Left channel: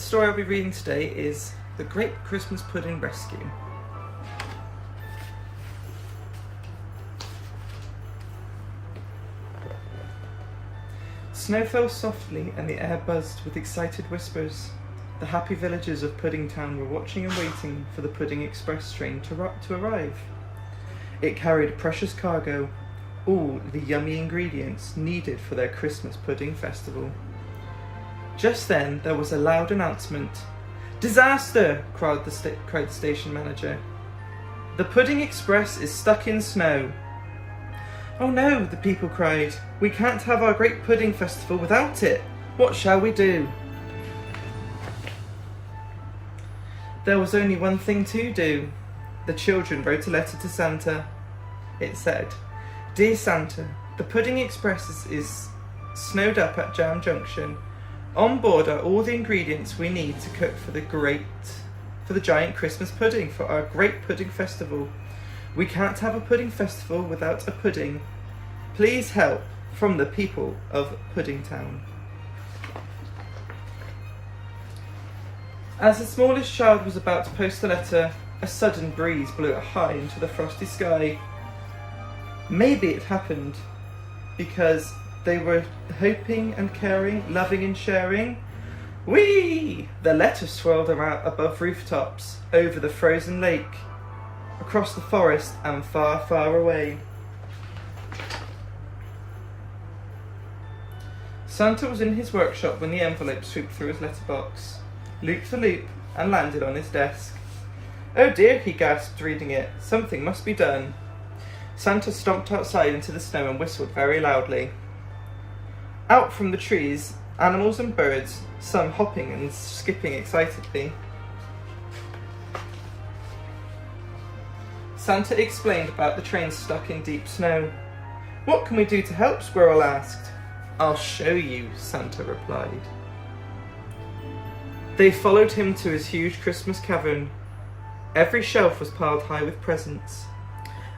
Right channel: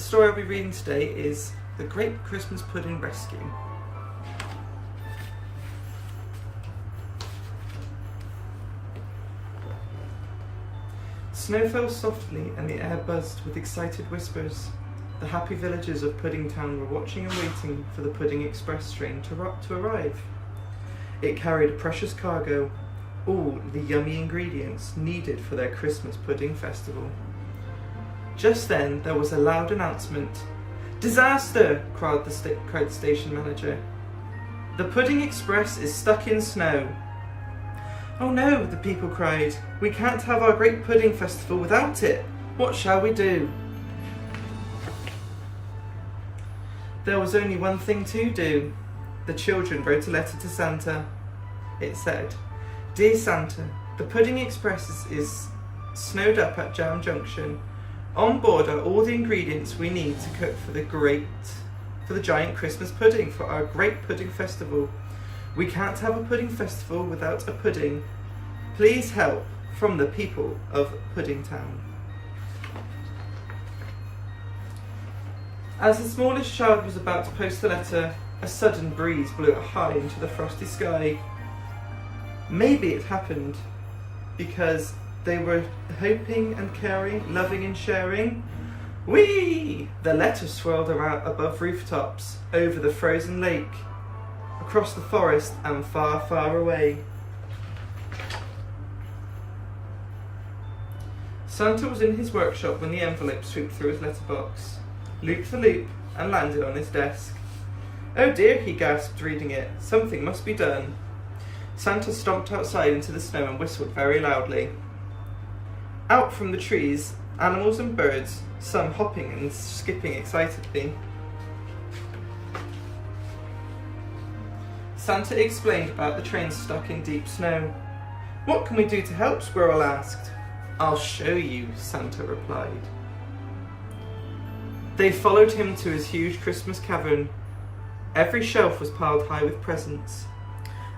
The story I'll be reading today is The Great Christmas Pudding Rescue. Snow fell softly and the air buzzed with excited whispers. The happy villagers of Puddingtown were watching and waiting for the Pudding Express train to arrive. It carried a precious cargo, all the yummy ingredients needed for their Christmas pudding festival. Just then there was a loud announcement. "Disaster!" cried the station manager. "The Pudding Express is stuck in snow." "Oh no," the people cried. "We can't have our great pudding festival without it. What shall we do?" There was only one thing to do. The children wrote a letter to Santa. It said, "Dear Santa, the Pudding Express is snowed up at Jam Junction. On board are all the ingredients we need to cook for the giant Christmas pudding for our great pudding festival. We can't have a pudding festival without a pudding. Please help, from the people of Puddingtown." As the smallest child was about to post the letter, a sudden breeze blew it high into the frosty sky. Maybe it happened because they were hoping and caring, loving and sharing. Whee! The letter swirled around above rooftops, over the frozen lake, across the forest and far, far away. Santa was in his workshop when the envelope swooped through his letterbox, looped the loop, and landed on his desk. "Oh dear," he gasped, reading it. "Something must be done." Santa stomped outside into the snow and whistled very loudly. Out from the trees, animals and birds, some hopping and skipping excitedly. Santa explained about the train stuck in deep snow. "What can we do to help?" Squirrel asked. "I'll show you," Santa replied. They followed him to his huge Christmas cavern. Every shelf was piled high with presents.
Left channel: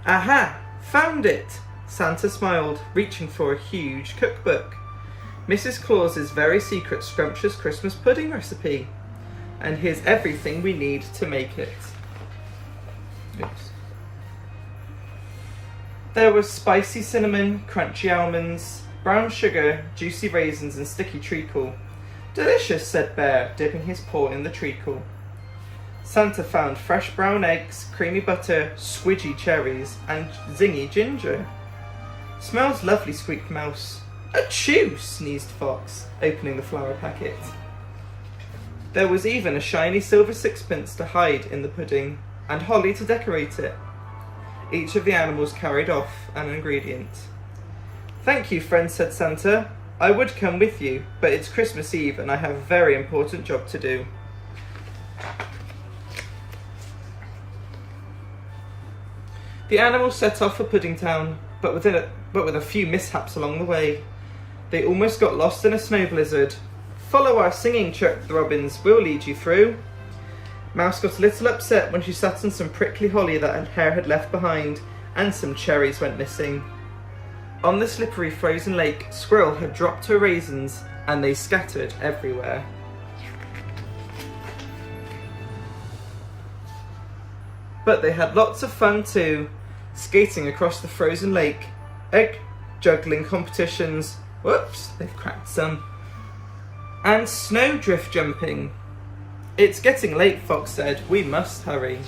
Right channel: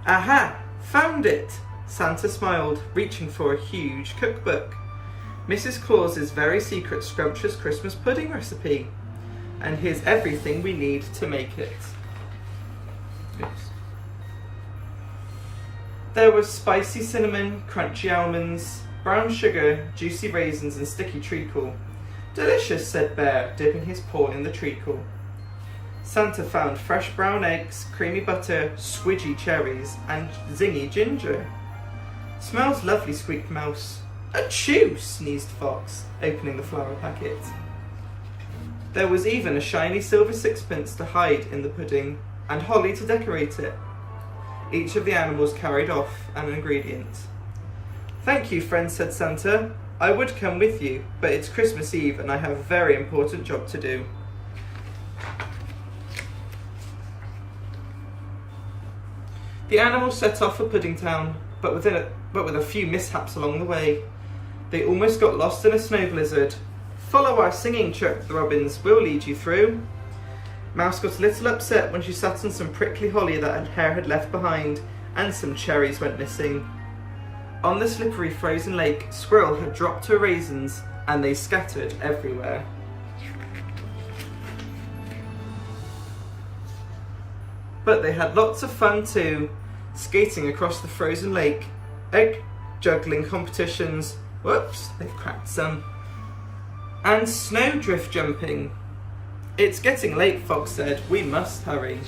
"Aha! Found it!" Santa smiled, reaching for a huge cookbook. Mrs. Claus's very secret scrumptious Christmas pudding recipe. And here's everything we need to make it. Oops. There was spicy cinnamon, crunchy almonds, brown sugar, juicy raisins and sticky treacle. "Delicious," said Bear, dipping his paw in the treacle. Santa found fresh brown eggs, creamy butter, squidgy cherries and zingy ginger. "Smells lovely," squeaked Mouse. "Achoo!" sneezed Fox, opening the flour packet. There was even a shiny silver sixpence to hide in the pudding, and holly to decorate it. Each of the animals carried off an ingredient. "Thank you, friends," said Santa. "I would come with you, but it's Christmas Eve and I have a very important job to do." The animals set off for Puddingtown, but with a few mishaps along the way. They almost got lost in a snow blizzard. "Follow our singing," chirped the robins. "We'll lead you through." Mouse got a little upset when she sat on some prickly holly that her hair had left behind, and some cherries went missing. On the slippery frozen lake, Squirrel had dropped her raisins, and they scattered everywhere. But they had lots of fun too, skating across the frozen lake, egg juggling competitions, whoops, they've cracked some, and snowdrift jumping. "It's getting late," Fox said. "We must hurry."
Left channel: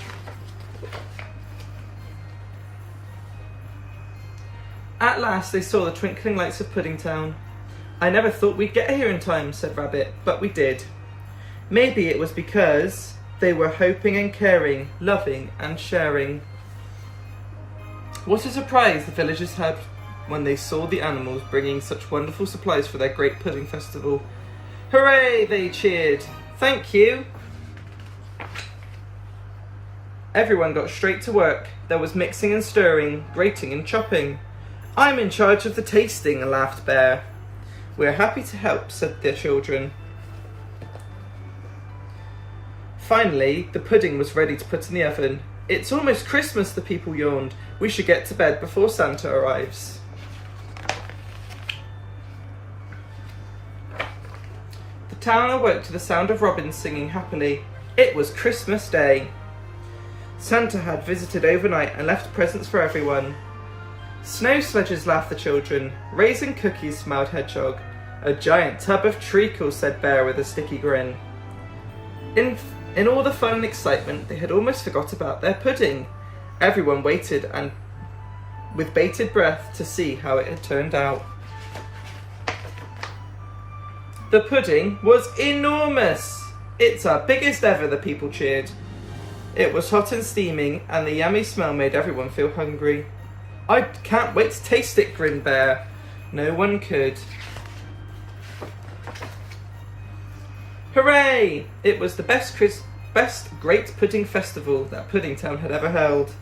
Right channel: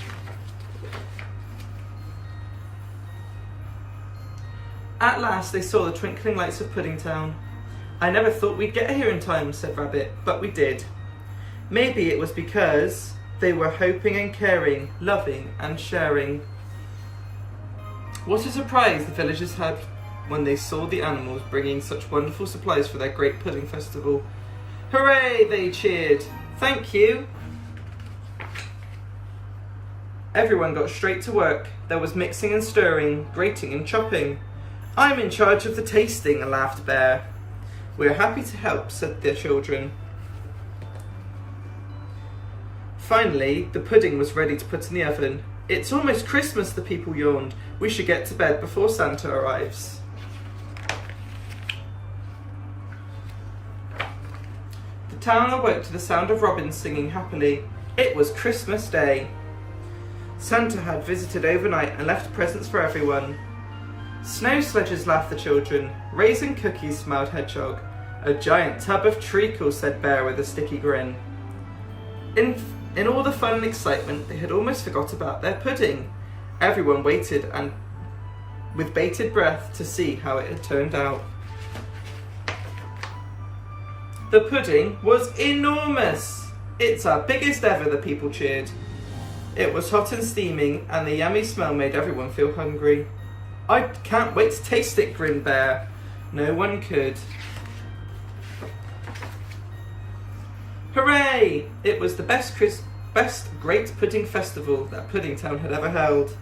At last they saw the twinkling lights of Puddingtown. "I never thought we'd get here in time," said Rabbit, "but we did." Maybe it was because they were hoping and caring, loving and sharing. What a surprise the villagers had when they saw the animals bringing such wonderful supplies for their great pudding festival. "Hooray!" they cheered. "Thank you!" Everyone got straight to work. There was mixing and stirring, grating and chopping. "I'm in charge of the tasting," laughed Bear. "We're happy to help," said the children. Finally, the pudding was ready to put in the oven. "It's almost Christmas," the people yawned. "We should get to bed before Santa arrives." The Town awoke to the sound of robins singing happily. It was Christmas Day. Santa had visited overnight and left presents for everyone. Snow sledges, laughed the children. Raisin cookies, smiled Hedgehog. A giant tub of treacle, said Bear with a sticky grin. In all the fun and excitement, they had almost forgot about their pudding. Everyone waited and with bated breath to see how it had turned out. The pudding was enormous! It's our biggest ever, the people cheered. It was hot and steaming, and the yummy smell made everyone feel hungry. I can't wait to taste it, grinned Bear. No one could. Hooray! It was the best Great Pudding Festival that Puddingtown had ever held.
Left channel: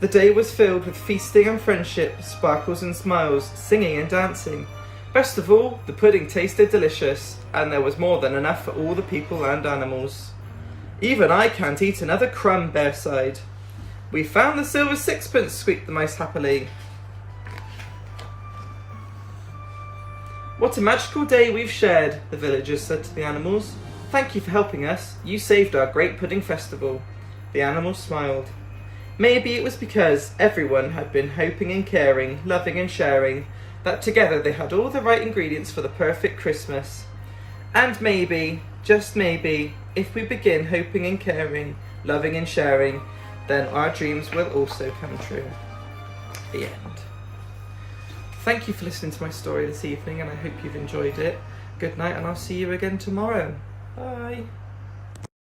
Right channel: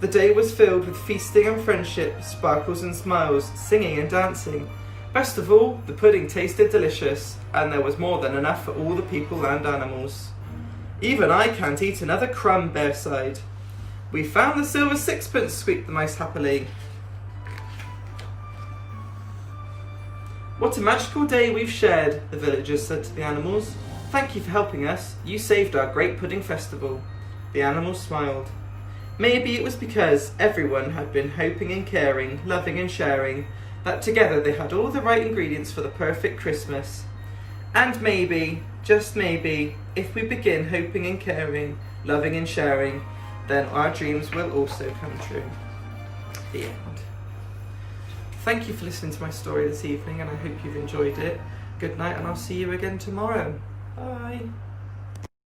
The day was filled with feasting and friendship, sparkles and smiles, singing and dancing. Best of all, the pudding tasted delicious, and there was more than enough for all the people and animals. Even I can't eat another crumb, Bear sighed. We found the silver sixpence, squeaked the mice happily. What a magical day we've shared, the villagers said to the animals. Thank you for helping us. You saved our great pudding festival. The animals smiled. Maybe it was because everyone had been hoping and caring, loving and sharing, that together they had all the right ingredients for the perfect Christmas. And maybe, just maybe, if we begin hoping and caring, loving and sharing, then our dreams will also come true. The end. Thank you for listening to my story this evening, and I hope you've enjoyed it. Good night, and I'll see you again tomorrow. Bye.